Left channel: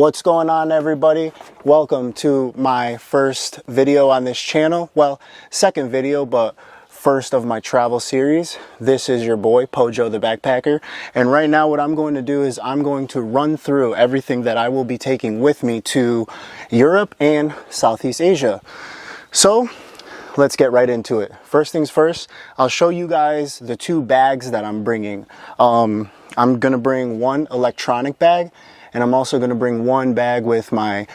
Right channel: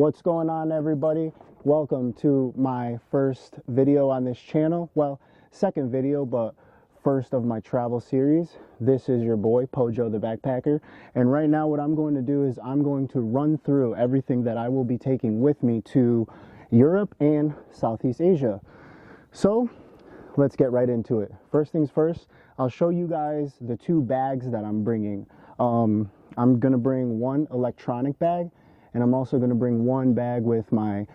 What's going on, everybody? Welcome to my first video on this channel. Well, second video, but first of my travel series. This is your boy, Pojo the Backpacker. And right now what I'm going to do is I'm going to run through everything that I will be taking with me to Europe and Southeast Asia. So let's get right into it. First things first, I'll show you guys the two bags that I'm bringing. I'm gonna bring one electronic bag, and I'm also gonna bring one bag with my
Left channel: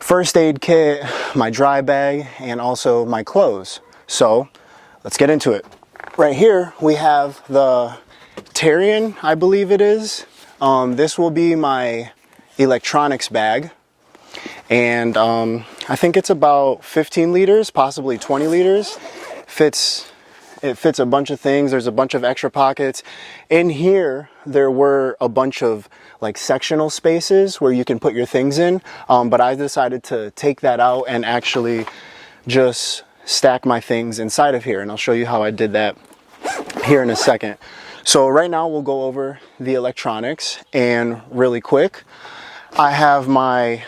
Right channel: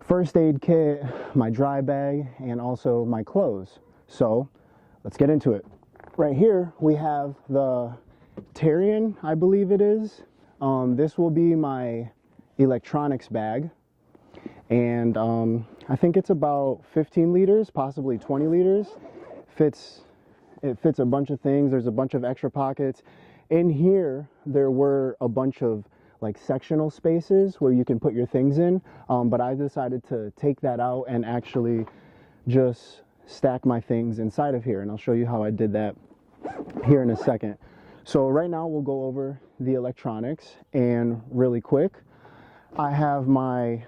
first aid kit, my dry bag, and also my clothes. So let's get into it. Right here we have the Tarian, I believe it is. This will be my electronics bag. And I think it's about 15 liters, possibly 20 liters. It fits a bunch of things. There's a bunch of extra pockets. In here, there were a bunch of like sectional spaces where you can put your things in. But I decided to take that out and actually just stack my things inside of here. And I'll show you how I did that here in a second. So right now we'll go over the electronics, and really quick, I have my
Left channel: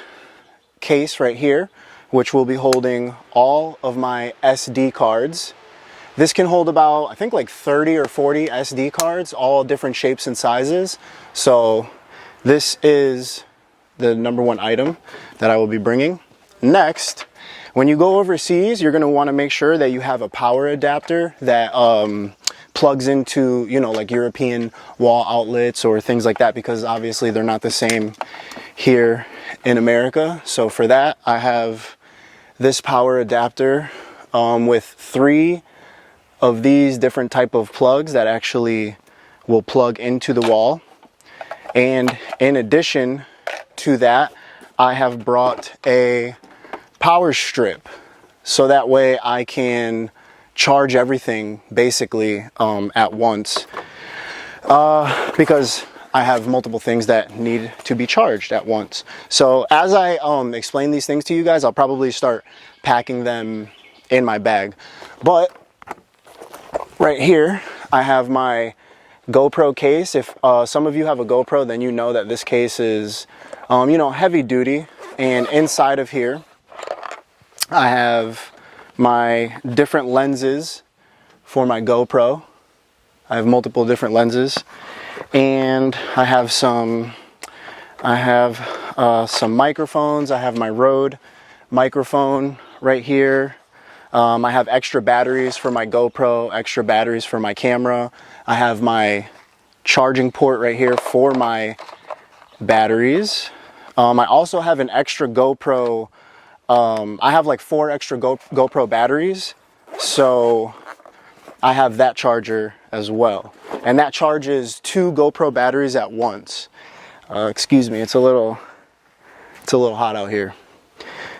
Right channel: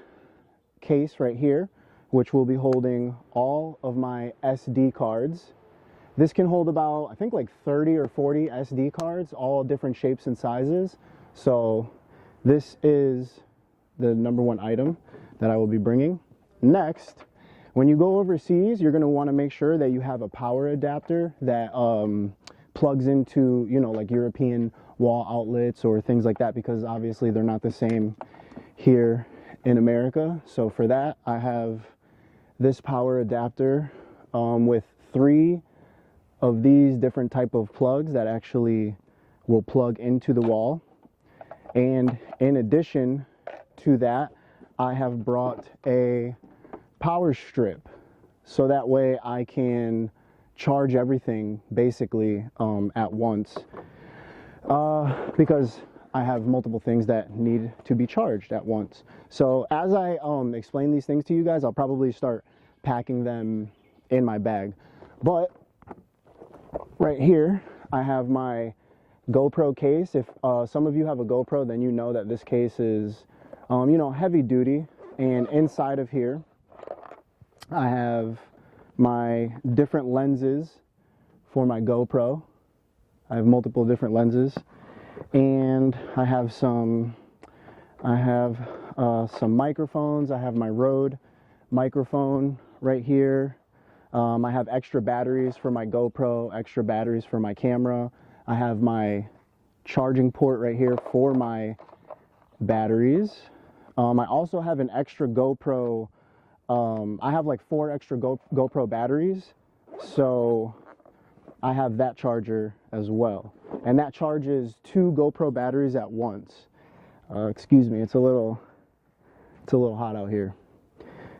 case right here, which will be holding all of my SD cards. This can hold about, I think, like 30 or 40 SD cards, all different shapes and sizes. So this is the number one item that I will be bringing. Next, when you go overseas, you're going to want to make sure that you have a power adapter that plugs into, you know, like European wall outlets or things like that, because obviously they're not the same here in America. So for that, I have this power adapter with 3 of these different type of plugs that actually will plug into the wall. And in addition to that, I have brought a power strip, so that way I can charge everything basically at once, because I have multiple things that need to be charged at once. So as I explain these things to you guys, I'll probably start packing them in my bag. But right here, I have my GoPro case. If some of you have a GoPro, then you know that this case is, you know, heavy duty. And inside of here, I have my different lenses for my GoPro. I have multiple different lenses. And I have some microphones. I have my Rode microphone right here. I have extra batteries for my GoPro, extra batteries for my camera. I have my charging port right here for my batteries. I also have an extra GoPro. I have like 4 extra GoPro batteries. So I have that charger as well. And that charges 2 GoPro batteries at once. Excuse me, it's a little hot out here.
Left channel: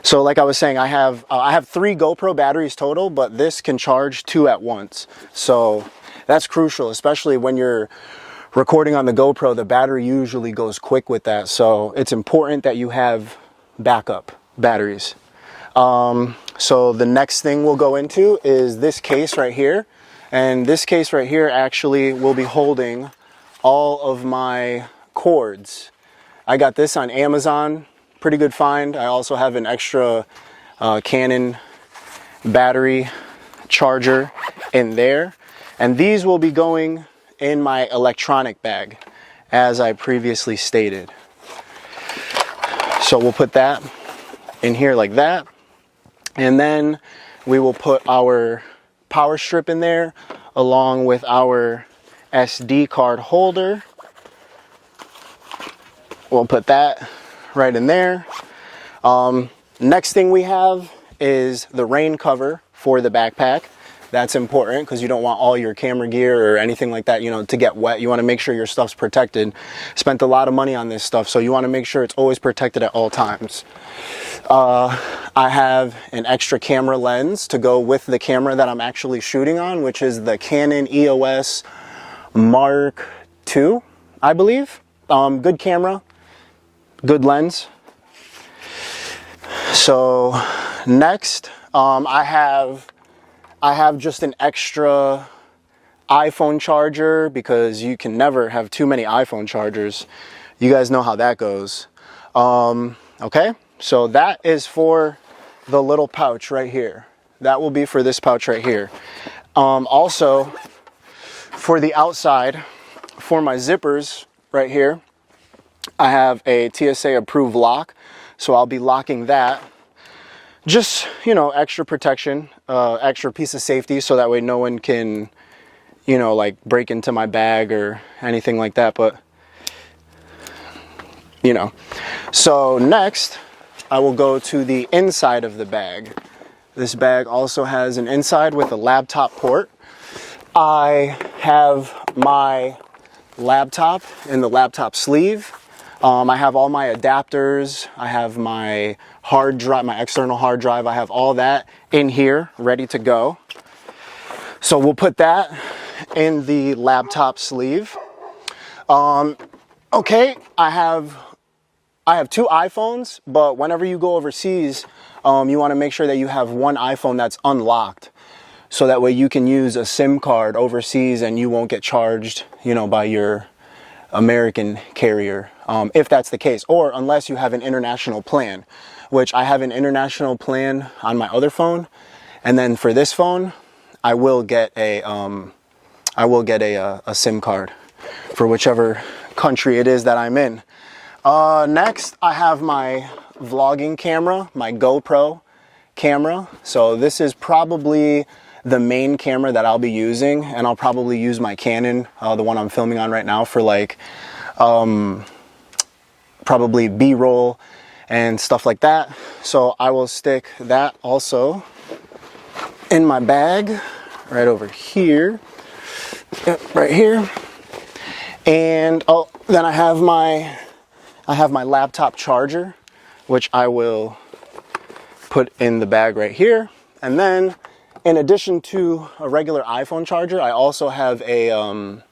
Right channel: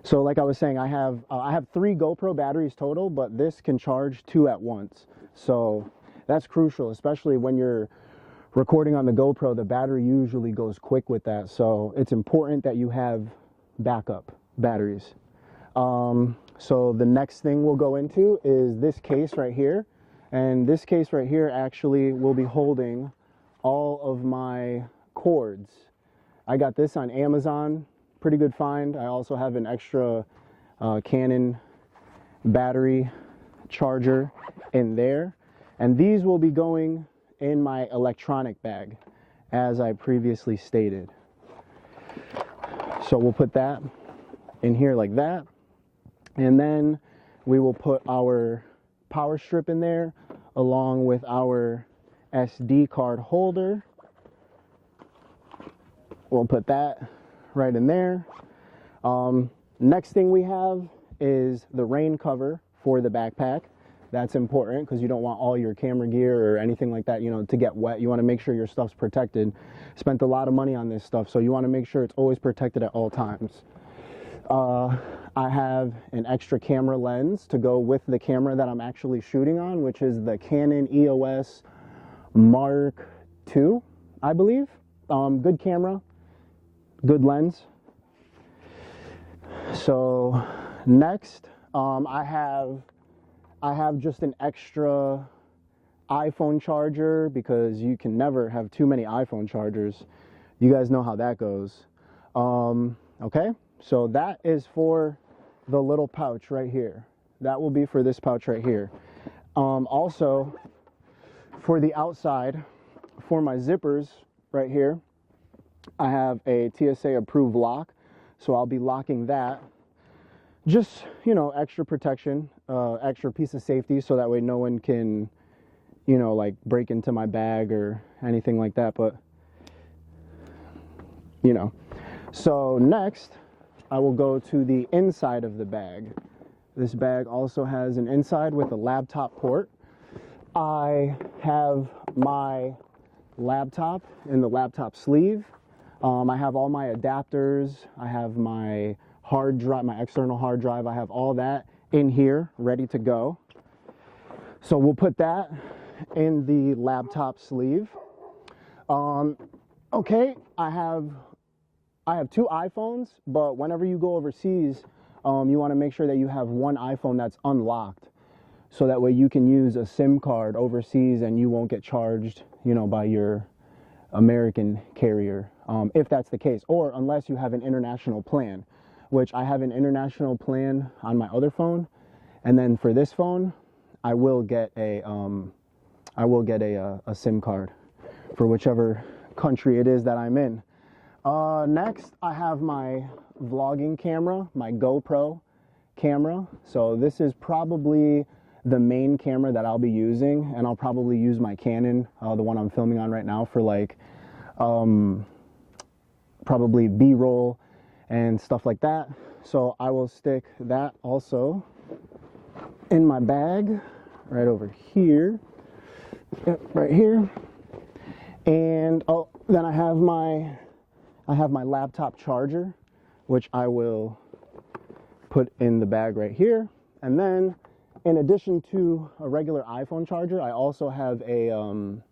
So like I was saying, I have 3 GoPro batteries total, but this can charge 2 at once. So that's crucial, especially when you're recording on the GoPro. The battery usually goes quick with that. So it's important that you have backup batteries. So the next thing we'll go into is this case right here. And this case right here actually will be holding all of my cords. I got this on Amazon, pretty good find. I also have an extra Canon battery charger in there. And these will be going in my electronic bag, as I previously stated. So we'll put that in here like that. And then we will put our power strip in there along with our SD card holder. We'll put that right in there. Next thing we have is the rain cover for the backpack. That's important because you don't want all your camera gear or anything like that, you know, to get wet. You want to make sure your stuff's protected. Spent a lot of money on this stuff, so you want to make sure it's always protected at all times. I have an extra camera lens to go with the camera that I'm actually shooting on, which is the Canon EOS Mark II, I believe. Good camera, good lens. So next, I have just an extra iPhone charger, because you can never have too many iPhone chargers. You guys know how that goes. Okay, so that is for the little pouch right here. That will be for this pouch right here. Also, for the outside, for my zippers right here, I have a TSA approved lock. So I'll be locking that. Just, you know, extra protection, extra piece of safety, so that way no one can, you know, like break into my bag or anything like that. But, you know, so next I will go to the inside of the bag. This bag also has an inside with a laptop port. I have my laptop in the laptop sleeve. I have all my adapters. I have my hard drive, my external hard drive. I have all that in here ready to go. So we'll put that in the laptop sleeve. Okay, I have 2 iPhones, but whenever you go overseas, you want to make sure that you have one iPhone that's unlocked, so that way you can use a SIM card overseas and you won't get charged, you know, by your American carrier, if that's the case, or unless you have an international plan, which I have an international plan on my other phone, and then for this phone, I will get a SIM card for whichever country it is that I'm in. Next, I have my vlogging camera, my GoPro camera. So this is probably the main camera that I'll be using, and I'll probably use my Canon, the one I'm filming on right now, for like probably B-roll and stuff like that. So I will stick that also in my bag right over here. Yep, right here. And then I have my laptop charger, which I will put in the bag right here. And then in addition to a regular iPhone charger, I also have a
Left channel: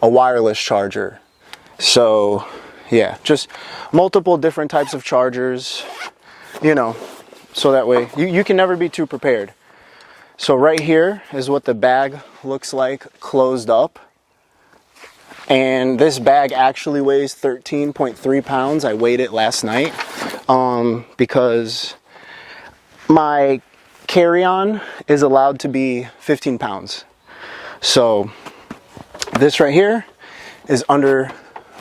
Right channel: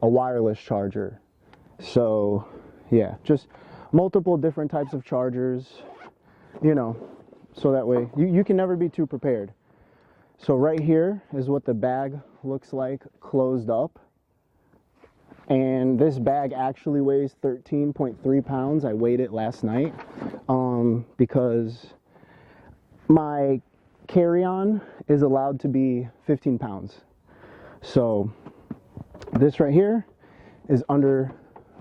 wireless charger. So yeah, just multiple different types of chargers, you know, so that way you can never be too prepared. So right here is what the bag looks like closed up. And this bag actually weighs 13.3 pounds. I weighed it last night because my carry-on is allowed to be 15 pounds. So this right here is under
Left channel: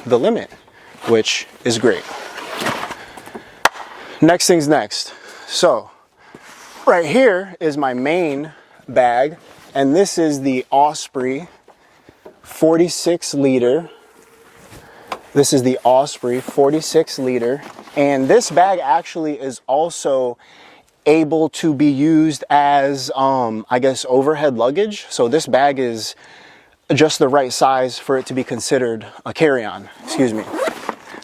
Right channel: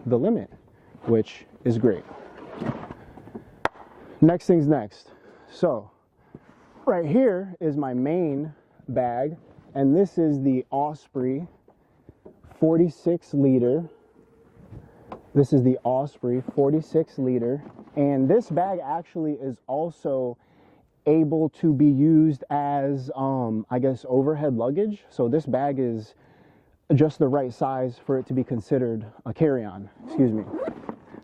the limit, which is great. Next thing's next. So right here is my main bag, and this is the Osprey 46 liter. This is the Osprey 46 liter, and this bag actually is also able to be used as I guess overhead luggage. So this bag is just the right size for it to be considered a carry-on. Excuse me,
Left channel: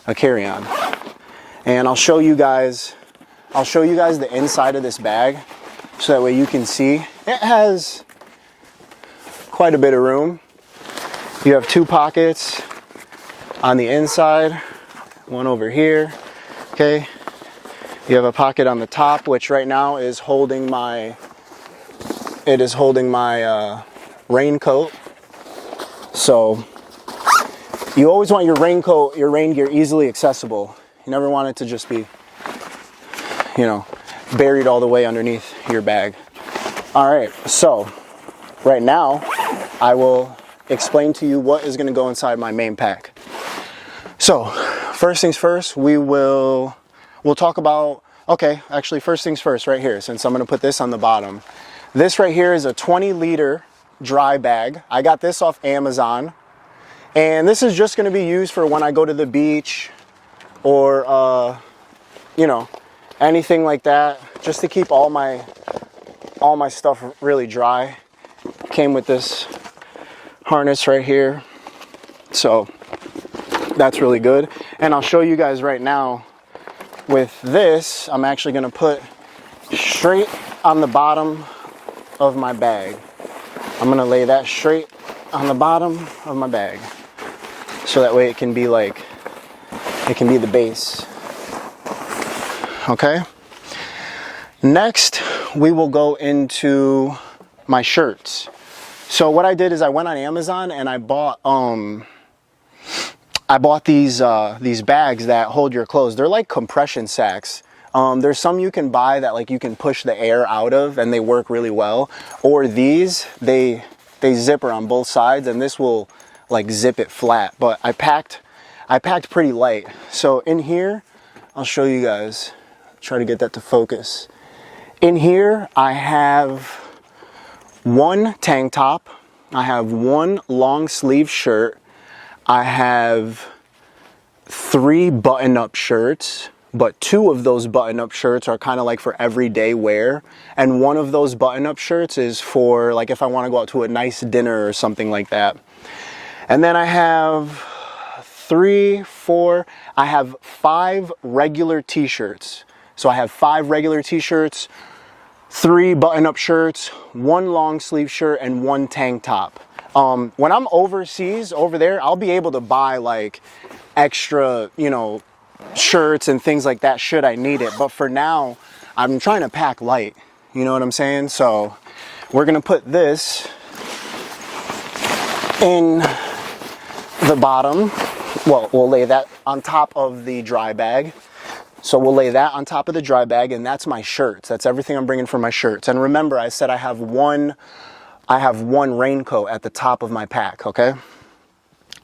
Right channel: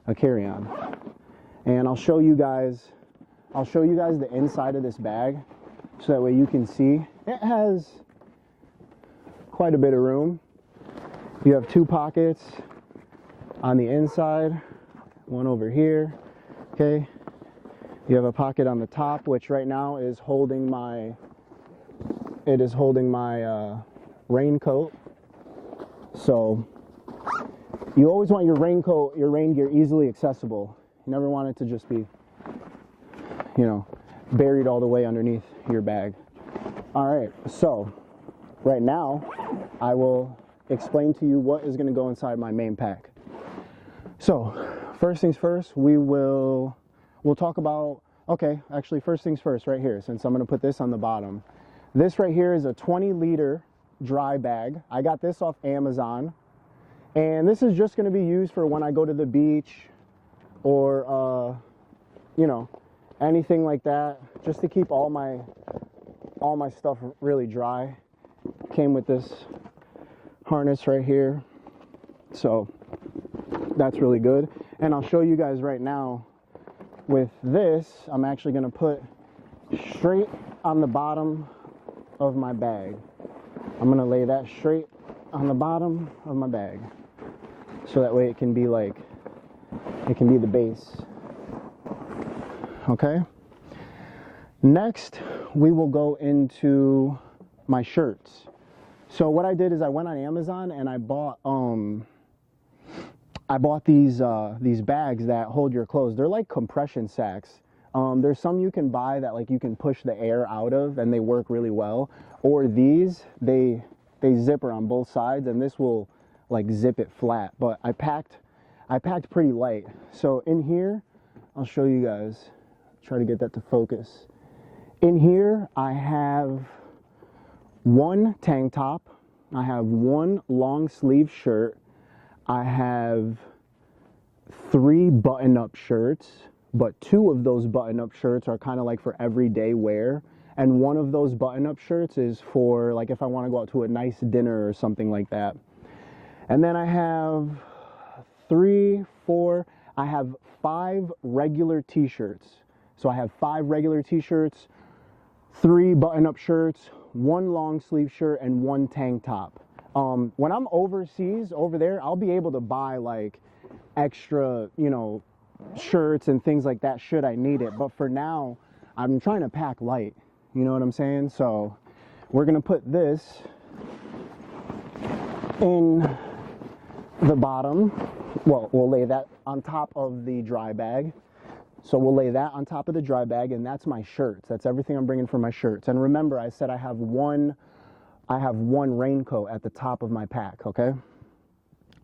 a carry-on. And I'll show you guys the inside of this bag, so that way you can see it has quite a bit of room. You have 2 pockets on the inside, one over here. Okay, you have a pocket on the top, which right now is holding my raincoat. So you always want your raincoat, your rain gear easily accessible. You never want it to just be, you know, buried all the way underneath your bag. All right, so right now I will explain to you what is going to go inside my main pack. So first things first, we'll talk about, okay, actually first things first right here, since I'm going to put this on the bottom. This right here is a 20-liter dry bag. I got this off Amazon, and this is just going to be used for when I go to the beach or you know, anything like that, just to keep all my stuff really dry. Came with this harness right here, so that's really good. And I'll show you guys right now with this, I'm actually going to put straight on the bottom of my bag. I'm going to lay that straight on the bottom of my bag, so that way it can be the base. Okay, next we will go into my shirts. So what I did is I went on Amazon and I bought I bought these bags that hold your clothes. They're like compression sacks. There's some you can buy that like you can push the air out of and they work really well. Or these, they zipper on both sides and this will like zip it flat. But I packed pretty light. So in here, I'll show you guys, try to get that to focus. In here, I have one tank top, I have one long sleeve shirt, I have 3 button-up shirts, but 2 of those button-up shirts are kind of like for everyday wear, and one of those button-up shirts is for like if I want to go out to a nice dinner or something like that. And then I have 5 regular t-shirts. So I have 5 regular t-shirts, 3 button-up shirts, 1 long sleeve shirt, and 1 tank top. When I'm overseas over there, I'll be able to buy like extra, you know, shirts and things like that should I need it. But for now, I'm trying to pack light. You know what I'm saying? So we're gonna put this in the bottom. Well, we'll lay that on top of the dry bag. So we'll lay that on top of the dry bag, and that's my shirts. That's everything I'm bringing for my shirts. And remember, I said I have one raincoat at the top of my pack, okay?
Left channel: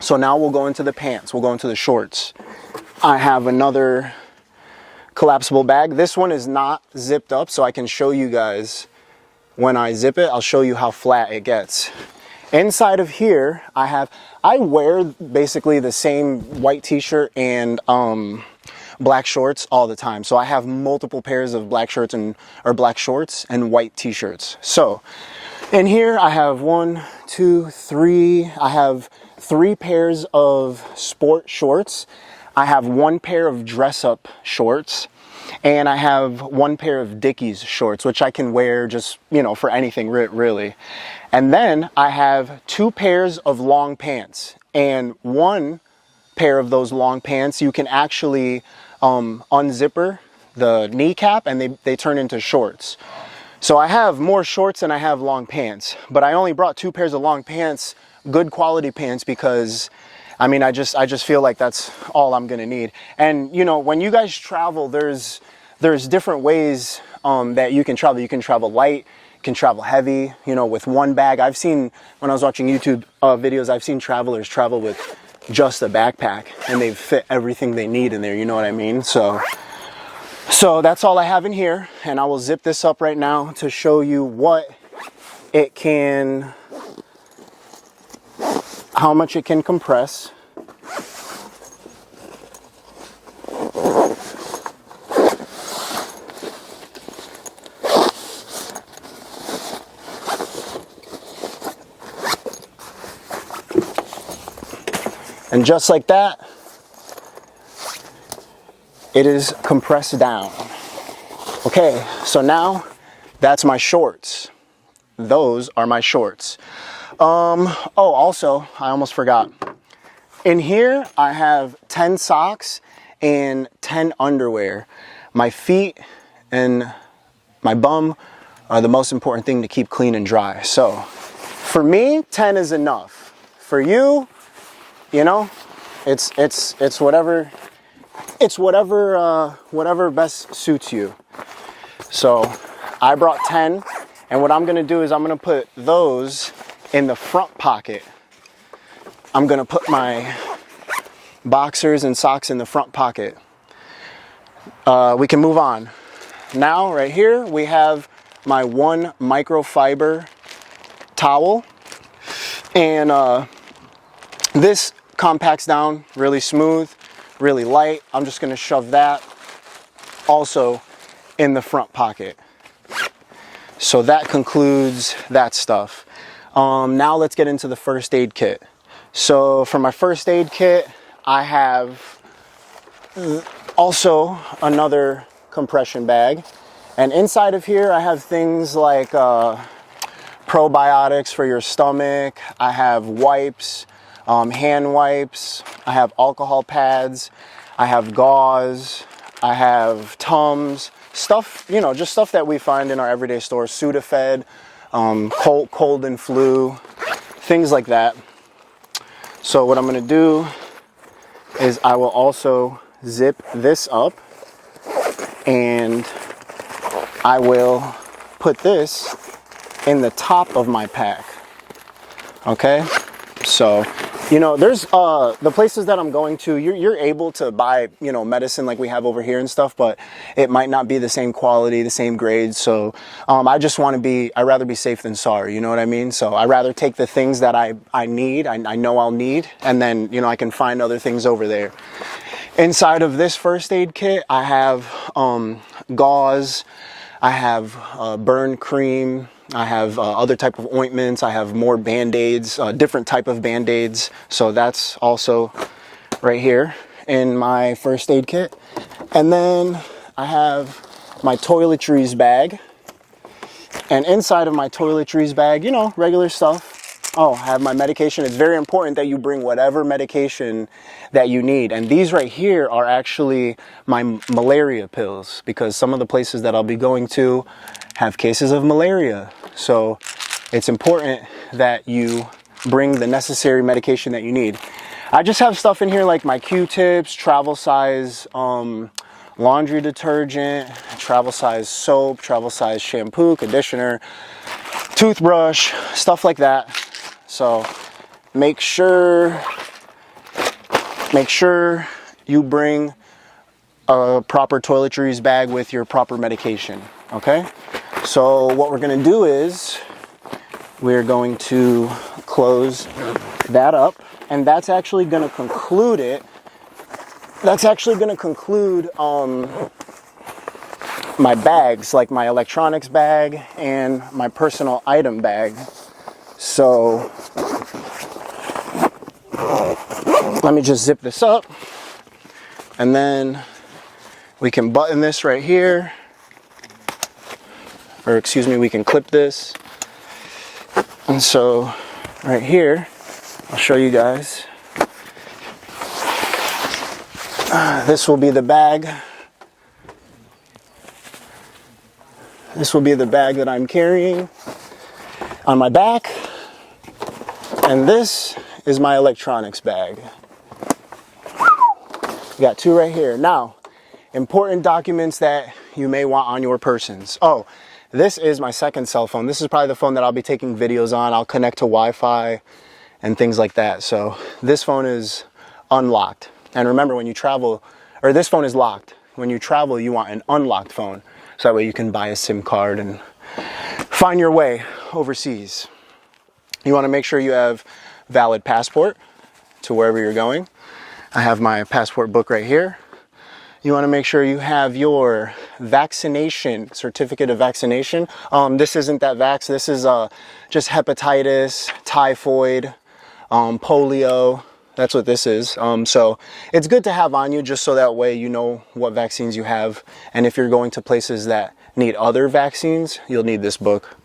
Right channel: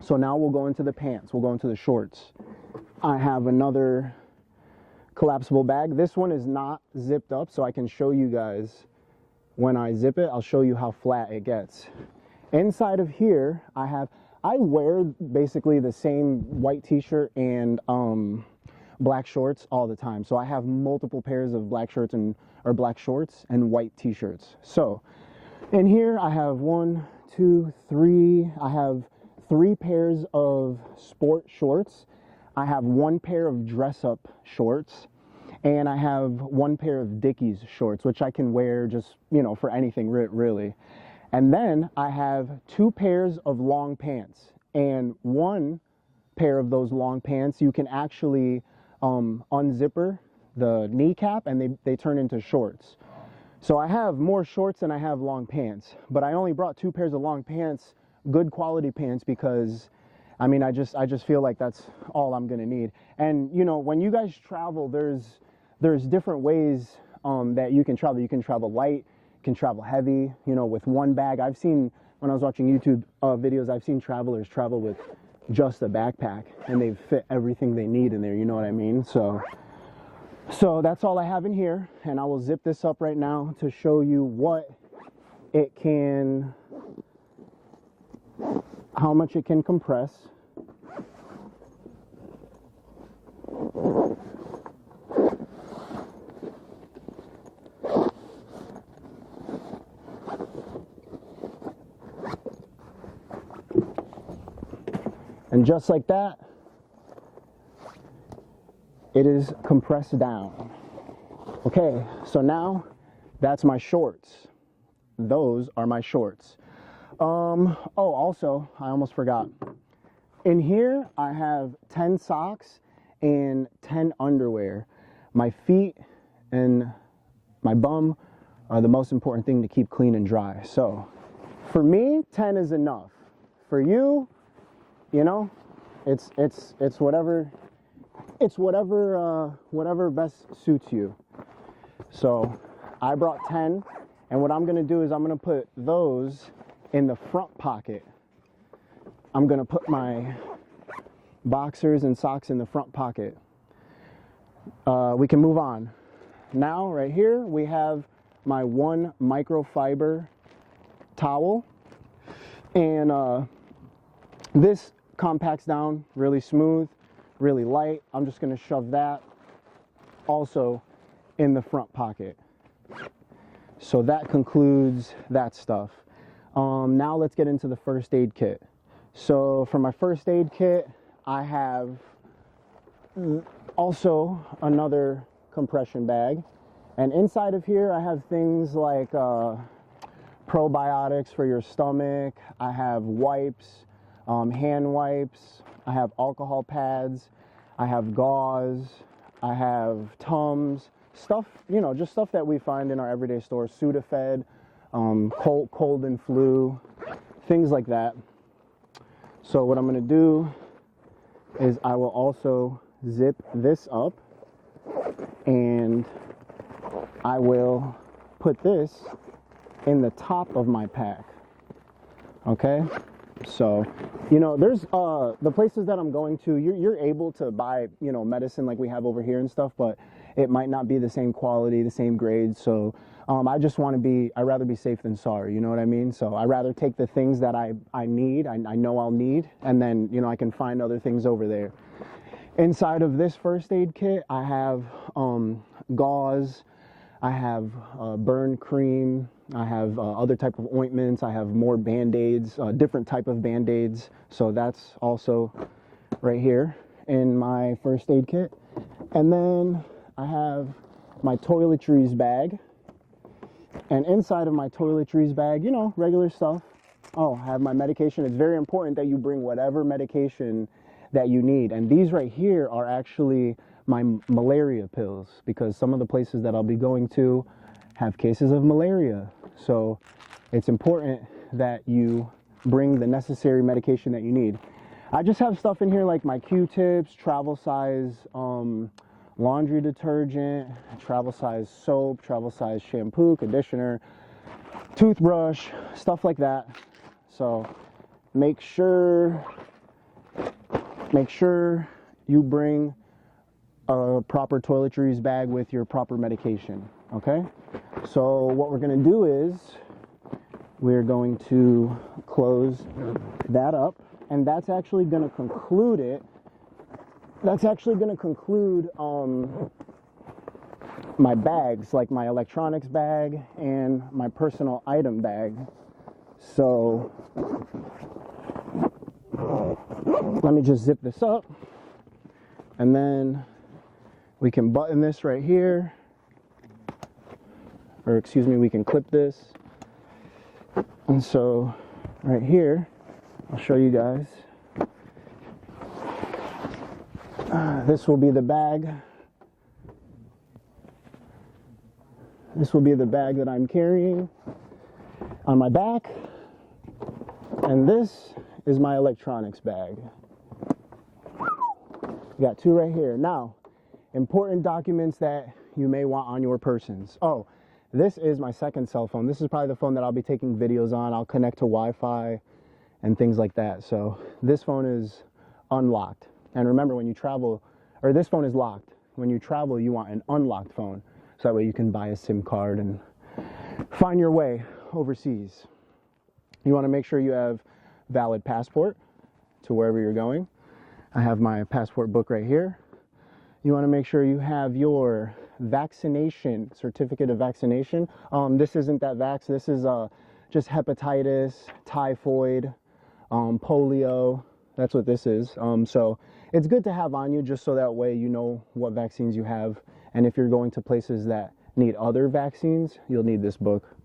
So now we'll go into the pants. We'll go into the shorts. I have another collapsible bag. This one is not zipped up, so I can show you guys when I zip it. I'll show you how flat it gets. Inside of here, I wear basically the same white t-shirt and black shorts all the time. So I have multiple pairs of black shirts or black shorts and white t-shirts. So in here I have 1, 2, 3. I have 3 pairs of sport shorts. I have 1 pair of dress-up shorts, and I have 1 pair of Dickies shorts, which I can wear just, you know, for anything really. And then I have 2 pairs of long pants, and 1 pair of those long pants you can actually unzipper the kneecap and they turn into shorts. So I have more shorts than I have long pants, but I only brought 2 pairs of long pants, good quality pants, because I mean, I just feel like that's all I'm gonna need. And you know, when you guys travel, there's different ways that you can travel. You can travel light, you can travel heavy, you know, with 1 bag. I've seen, when I was watching YouTube videos, I've seen travelers travel with just a backpack and they've fit everything they need in there, you know what I mean? So that's all I have in here, and I will zip this up right now to show you how much it can compress. And just like that, it is compressed down. Okay, so now that's my shorts. Those are my shorts. Oh, also, I almost forgot. In here, I have 10 socks and 10 underwear. My feet and my bum are the most important thing to keep clean and dry. So for me, 10 is enough. For you, you know, it's whatever best suits you. So I brought 10, and what I'm gonna do is I'm gonna put those in the front pocket. I'm gonna put my boxers and socks in the front pocket. We can move on. Now, right here, we have my 1 microfiber towel, and this compacts down really smooth, really light. I'm just gonna shove that also in the front pocket. So that concludes that stuff. Now let's get into the first aid kit. So for my first aid kit, I have also another compression bag. And inside of here, I have things like probiotics for your stomach. I have wipes, hand wipes. I have alcohol pads. I have gauze. I have Tums. Stuff, you know, just stuff that we find in our everyday stores. Sudafed, cold and flu, things like that. So what I'm gonna do is I will also zip this up, and I will put this in the top of my pack. Okay, so you know, there's the places that I'm going to, you're able to buy, you know, medicine like we have over here and stuff, but it might not be the same quality, the same grade. So I just want to be, I'd rather be safe than sorry, you know what I mean? So I rather take the things that I need, I know I'll need, and then, you know, I can find other things over there. Inside of this first aid kit, I have gauze, I have burn cream, I have other type of ointments, I have more Band-Aids, different type of Band-Aids. So that's also right here in my first aid kit. And then I have my toiletries bag. And inside of my toiletries bag, you know, regular stuff. Oh, I have my medication. It's very important that you bring whatever medication that you need. And these right here are actually my malaria pills, because some of the places that I'll be going to have cases of malaria. So it's important that you bring the necessary medication that you need. I just have stuff in here like my Q-tips, travel size laundry detergent, travel size soap, travel size shampoo, conditioner, toothbrush, stuff like that. So make sure you bring a proper toiletries bag with your proper medication, okay? So what we're gonna do is we're going to close that up, and that's actually gonna conclude it. That's actually gonna conclude my bags, like my electronics bag and my personal item bag. So let me just zip this up, and then we can button this right here, or excuse me, we can clip this. And so right here, I'll show you guys. This will be the bag. This will be the bag that I'm carrying on my back. And this is my electronics bag. Got two right here. Now, important documents that you may want on your persons. Oh, this is my second cell phone. This is probably the phone that I'll be taking videos on. I'll connect to Wi-Fi and things like that. So this phone is unlocked. And remember, when you travel, or this phone is locked. When you travel, you want an unlocked phone. So that way you can buy a SIM card and find your way overseas. You want to make sure you have valid passport to wherever you're going. I have my passport book right here. You want to make sure you have your vaccination, certificate of vaccination. This isn't that vax. This is just hepatitis, typhoid, polio. That's what this is. So it's good to have on you, just so that way you know what vaccines you have. And if you're going to places that need other vaccines, you'll need this book.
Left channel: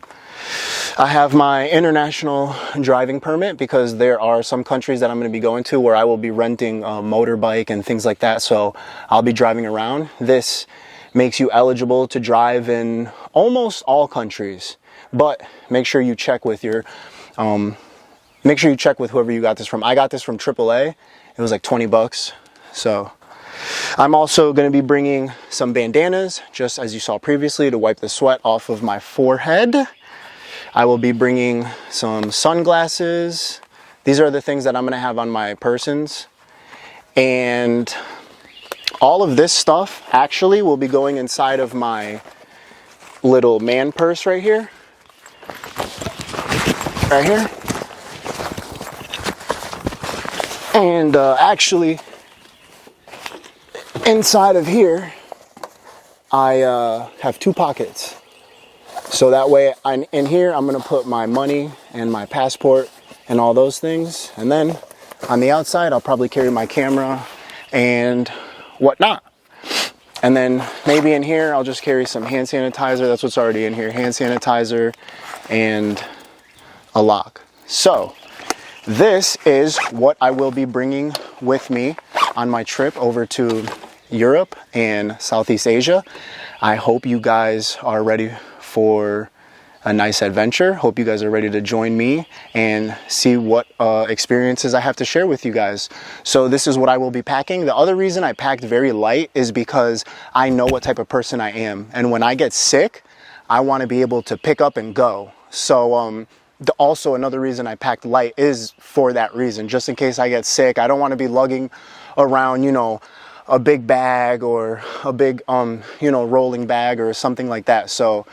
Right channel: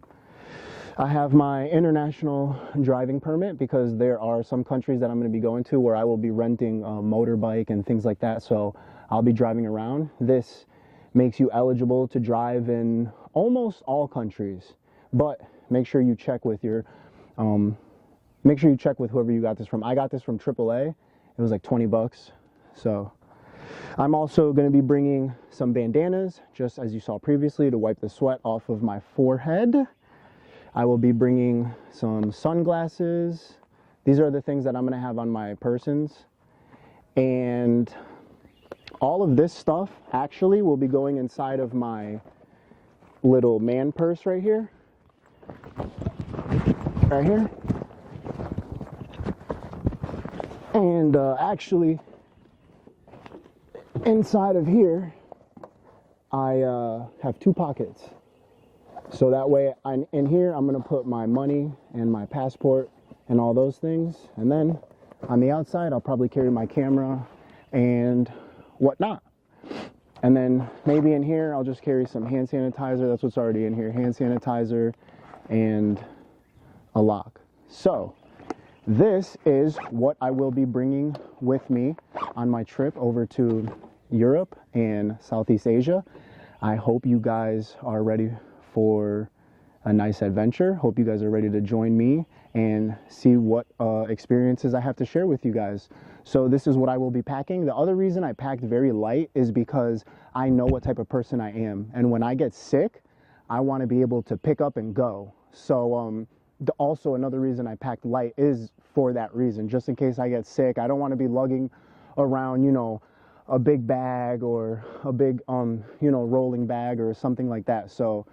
I have my international driving permit, because there are some countries that I'm going to be going to where I will be renting a motorbike and things like that. So I'll be driving around. This makes you eligible to drive in almost all countries, but make sure you check with your, make sure you check with whoever you got this from. I got this from AAA. It was like 20 bucks. So I'm also going to be bringing some bandanas, just as you saw previously, to wipe the sweat off of my forehead. I will be bringing some sunglasses. These are the things that I'm gonna have on my persons. And all of this stuff actually will be going inside of my little man purse right here. Right here. And actually, inside of here, I have two pockets. So that way, in here, I'm gonna put my money and my passport and all those things. And then on the outside, I'll probably carry my camera and whatnot. And then maybe in here, I'll just carry some hand sanitizer. That's what's already in here, hand sanitizer and a lock. So this is what I will be bringing with me on my trip over to Europe and Southeast Asia. I hope you guys are ready for a nice adventure. Hope you guys are ready to join me and see what experiences I have to share with you guys. So this is what I will be packing. The other reason I packed very light is because I know what type of person I am. And when I get sick, I want to be able to pick up and go. So also another reason I packed light is for that reason, just in case I get sick. I don't want to be lugging around, you know, a big bag or a big, you know, rolling bag or something like that. So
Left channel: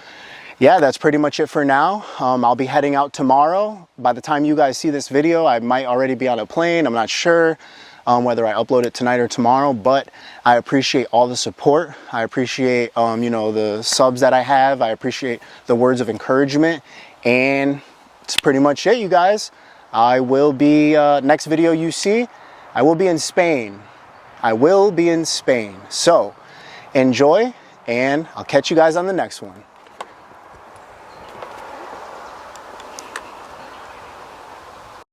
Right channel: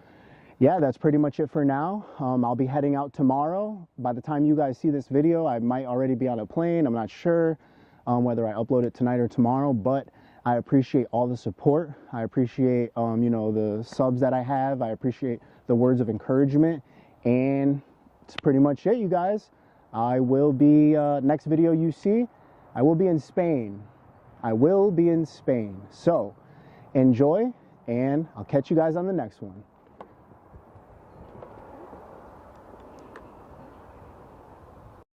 yeah, that's pretty much it for now. I'll be heading out tomorrow. By the time you guys see this video, I might already be on a plane. I'm not sure whether I upload it tonight or tomorrow, but I appreciate all the support. I appreciate, you know, the subs that I have. I appreciate the words of encouragement, and that's pretty much it, you guys. I will be, next video you see, I will be in Spain. I will be in Spain. So enjoy, and I'll catch you guys on the next one.